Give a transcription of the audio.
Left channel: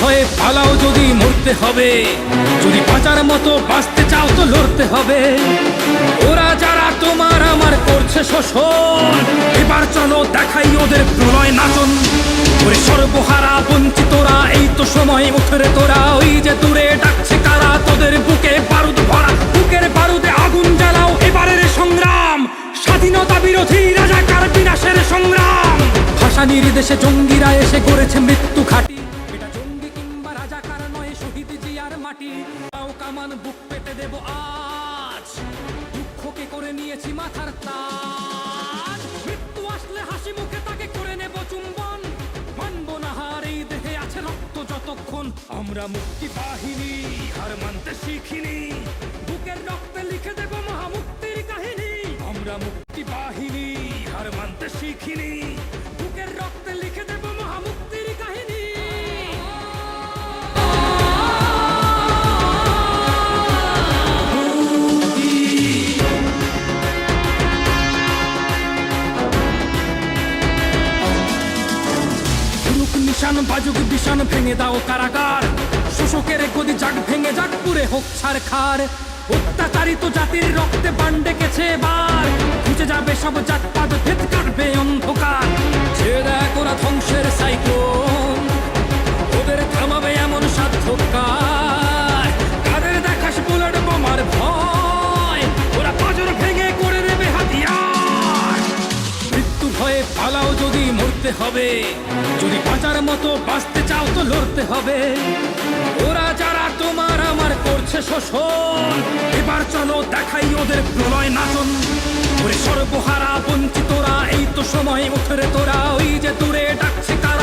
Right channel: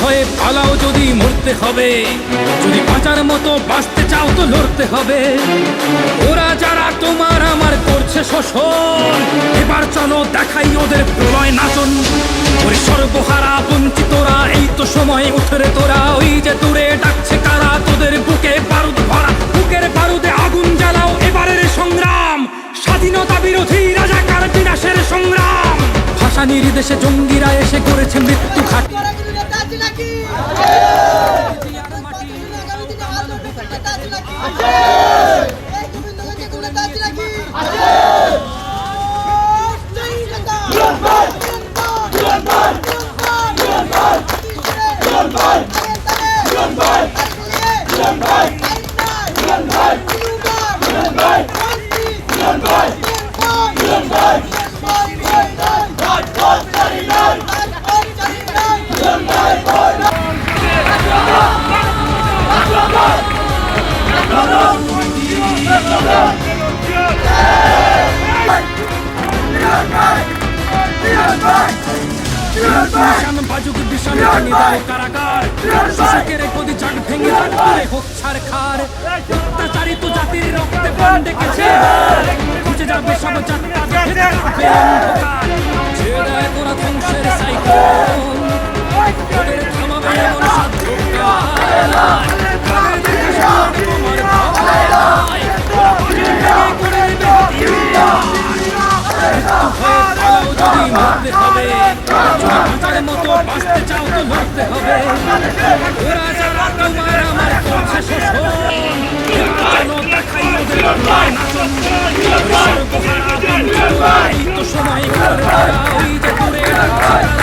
ভয়ে পালাও যদি মরতে হবে। যদি বাঁচার মতো বাঁচতে চাও তো লড়তে হবে। ওরা যারা তোমার আমার করছে শোষণ, এবার চলো দেখাই ওদের প্রলয় নাচন। ওরে সর্বহারা বঞ্চিতরা, এই তো সময় উঠরে তোরা। ওই যে দূরে ডাকছে কারা, তোদের বুকে বারুদ ভরা। বুকের বারুদে আগুন জ্বালাও, এবারের সংগ্রাম। স্বাধীনতা বিরোধী রাজাকার বিনাশের সংগ্রাম। ভাষা নির্দেশে জঙ্গিরা এসে গড়েছে মৃত্যু ঘাটি। বুক পেতে দেব ভেঙে দাও কারাগার। শোষকের গদি জাগ ভেঙে যাক পুরে হোক ছাড় খার। অত্যাচারিত জাতির রক্তে বান ডেকেছে এবার। খুঁজে যাবে সব কাটবে অন্ধকার। ছেড়ে দেখ ধ্বংসের সাইক্লোন। ওদের থামাবে যদি হবে। যদি বাঁচার মতো বাঁচতে চাও তো লড়তে হবে। ওরা যারা তোমার আমার করছে শোষণ। এবার যেন দেখাই ওদের প্রলয় নাচন। সর্বহারা বঞ্চিতরা, এই তো সময় উঠরে তোরা। ওই যে দূরে ডাকছে তারা।